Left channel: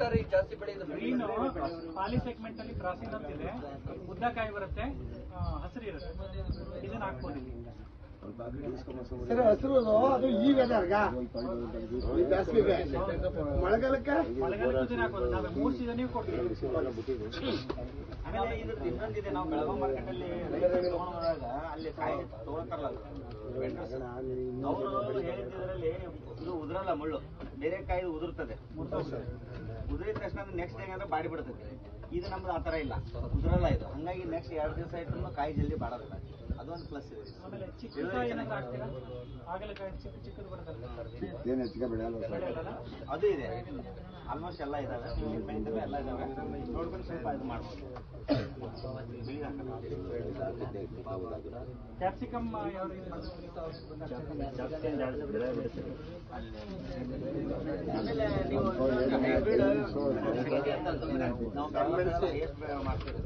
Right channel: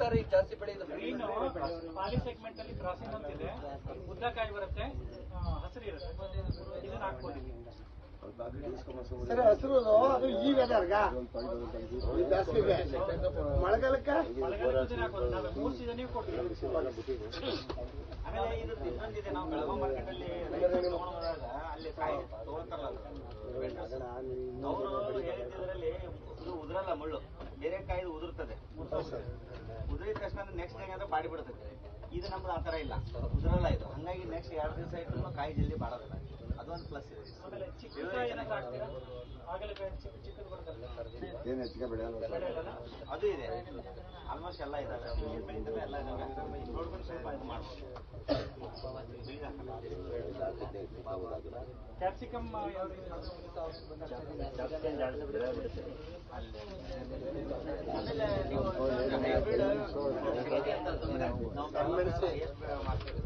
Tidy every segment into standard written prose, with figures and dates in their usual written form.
Sir ಈಗ ಜಾಸ್ತಿ ಬೆಳೆಯೋದು ಗ್ರೀನ್ ಪಾಲಿ ಸೆಗ್ಮೆಂಟ್ ಅಲ್ಲಿ ಕ್ರಾಸಿಂಗ್ ಅಂತ ಇದೆ, ಉದ್ದ ಕಾಯಿ ಬರುತ್ತೆ, ಹಸಿರು ಇರುತ್ತೆ, ಇದನ್ನ ಹಾಕ್ಬೋದು. ಸರ್ ಹಸಿರು ಅದು ಈ ವೆದರ್ಗ ಬೇಸಿಗೆ ಮಳೆಗಾಲಕ್ಕೆ ಇದನ್ನ ಹಾಕೋದು. ನಾವು 3 ಸೀಸನ್ ಕೊಡ್ತೀವಿ. ಆಮೇಲೆ ಇದು ಇನ್ನೊಂದಿದೆ, ನಾವು ಬೆಳಗಾವಿ ಮಾರ್ಕೆಟ್ ಅಲ್ಲಿ ತಗೊಂಡಾಗ ಅಲ್ಲಿ ಕಾಯಿ ತಗೊಳ್ತಾರಲ್ಲ ಅವರು ಹೇಳಿದ್ರಲ್ಲಿ ಇದು ಉದುರಲ್ಲ, ಮುಳ್ಳು ಬೇರೆ ಕಾಯಿ ಉದುರ್ತದೆ. ಉದುರಿದ ತಕ್ಷಣ ನೆಕ್ಸ್ಟ್ ಏನಾದ್ರೆ ಬಾಡಿ ಬಿಡ್ತದೆ. ಇದು ನಮ್ದು ಆ ತರ ಇಲ್ಲ, ಉದುರಲ್ಲ ಇದು. ಹಂಗಾಗಿ ನೆಕ್ಸ್ಟ್ 2 ದಿವಸ ಇಟ್ಟು ಕಾಯಿ ಜಲ್ದಿ ಬಾಡೋದಿಲ್ಲ. ಅದೊಂದು ಪ್ಲಸ್ ಇದೆ. ಆಮೇಲೆ ಚಿಕ್ಕ ಕಾಯಿ ಹಾಕ್ತೀರಾ, ಹಾಗಲಕಾಯಿ ಚಿಕ್ಕದು ಬರುತ್ತಲ್ಲ ಅದು ಇದೆ. ಆಲ್ಮೋಸ್ಟ್ ಎಲ್ಲ ಇದಾವೆ, ಎಲ್ಲ ಇದಾವೆ. ನೋಡ್ಕೊಂಡು ಸ್ವಲ್ಪ ಇದು ಮಾಡ್ಬೋದು. ಕ್ಯಾಪ್ಸಿಕಮ್ ಯಾವ ಆಮೇಲೆ ನೀವು ಮಾಡ್ತೀವಿ.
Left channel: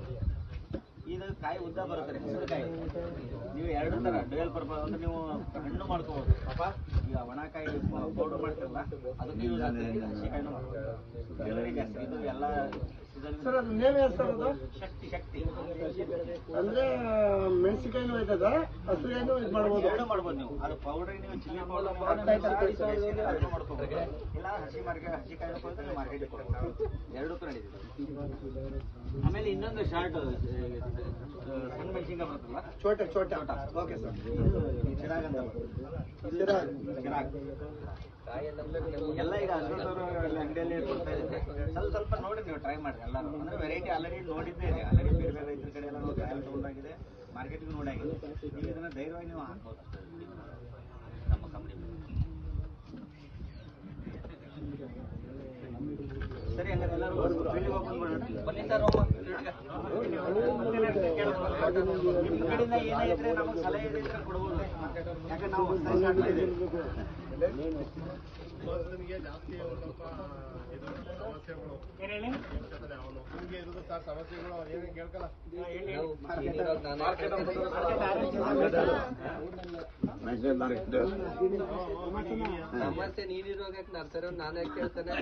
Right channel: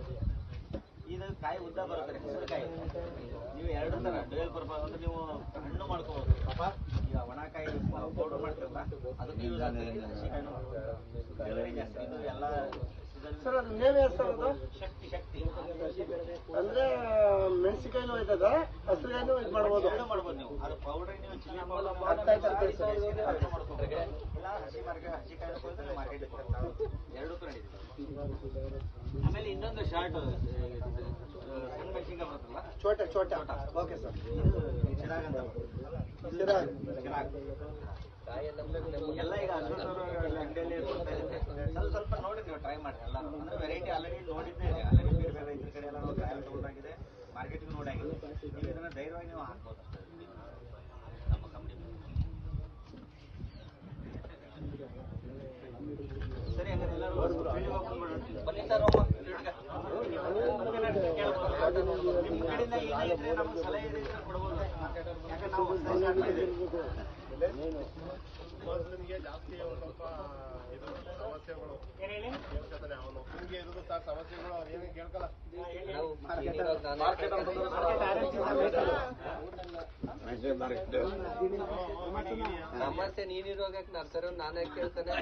ಇದು ಕಾಯಿ ಉದ್ದ ಬರುತ್ತೆ, ಹಸಿರುಕಾಯಿ. ನೀವು 2 ತರ ಡ್ಯುಯಲ್ ಪರ್ಪಸ್ ಅಂದ್ರೆ ನೀವು ಹಣ್ಣು ಮಾಡ್ಕೋಬಹುದು. ಈಗ ಒಣಕಾಯಿ ಪೌಡರ್ ಮಾಡ್ತೀರಲ್ಲ, ಅದಕ್ಕೆ ಯೂಸ್ ಆಗ್ತದೆ. ಹಸಿಕಾಯಿನೂ ಇಳುವರಿ ಜಾಸ್ತಿ. ಇದು ಎಲ್ಲ ಸರ್ ಅದು ನೇಮ್ ಯಾರು ಸರ್ ಅದು? ಶಕ್ತಿ ಅಂದ್ರೆ ಮೆಣಸಿನಕಾಯಿನೂ ಇದ್ದದ, ಹಸಿರುಕಾಯಿನೂ ಇದು ಮಾಡ್ಬೋದು. ಎರಡು ಮಾಡ್ಬೋದು ನೀವು. ಅದು ಪೌಡರ್ ನೀವು ಚಿಲ್ಲಿ ಪೌಡರ್ ಮಾಡ್ಕೋಬಹುದು, ಇಲ್ಲ ಹಸಿಕಾಯಿ ಕೊಡ್ತಾರೆ ಮಾರ್ಕೆಟ್ ಕೊಡ್ತಾರೆ. 2 ತರ ನಡೀತದೆ. ಆಮೇಲೆ ಇನ್ನೊಂದು ಶಾರ್ಟ್ ಸಣ್ಣ ಮೆಣಸಿನ್ಕಾಯಿ ಬರುತ್ತಲ್ಲ, ಚೋಟ ಓಕೆ ಸರ್. ಚಿರಾಗ್ ಅಂತ ಚಿರಾಗ್ ಎಲ್ಲ ಈಗ ಅಂಗಡಿಯಲ್ಲಿ ಕೊಡ್ತಾ ಇದ್ದಾರೆ. ಸ್ವಲ್ಪ ನೋಡಿ ನೀವು ಟ್ರೈ ಮಾಡಿ. ಎಲ್ಲ ಅಂದ್ರೆ ವೆರೈಟಿ ಆಲ್ರೆಡಿ ನೋಡಿದ್ದೇ ಇದೆ. ಆಲ್ರೆಡಿ ಬೇರೆ ಬೇರೆ ರೈತರ ಕಡೆ ಎಲ್ಲ ಟ್ರಯಲ್ ತಗೊಂಡಾಗಿದೆ, ಮಾರ್ಕೆಟಿಂಗ್ ನೋಡಾಗಿದೆ. ನೀವು ಇದನ್ನ ಧೈರ್ಯವಾಗಿ ನೀವು ಹಾಕ್ಬೋದು ನಮ್ಮ ಕಂಪ್ನಿ. ಸರಿ, ಹಂಗಾರೆ ಎಲ್ಲರೂ ಫೀಲ್ಡಿಗೆ ಓಪನ್ ಮಾಡೋಣ. ಬನ್ನಿ ಸರ್, ನಿಮ್ಮ ಕಡೆಯಿಂದ ಏನಾಗಿದ್ರೆ ನಮಗೆ ಸಲಹೆ ಇದ್ರೆ ಕೊಡ್ಬೋದು. ಯಾಕಂದ್ರೆ ನಾವು ಸ್ಟಾರ್ಟ್ ಮಾಡಿದ್ದೀವಿ. ನಿಮಗೆ ಜಾಸ್ತಿ ಸ್ವಲ್ಪ ಇದು ಸಮಸ್ಯೆಗಳು ಏನ್ ಹೇಳಿ, ನಿಮಗೆ ಇರೋದು ಸರ್ ಸಮಸ್ಯೆಗಳು ಏನೇನು ಕೇಳ್ಕಲ್ಲ. ಸಮಸ್ಯೆ ನೀನಿರುವಾಗ ನರ್ಸರಿ ನಾನೇ ಕೇಳ್ತಾನೆ.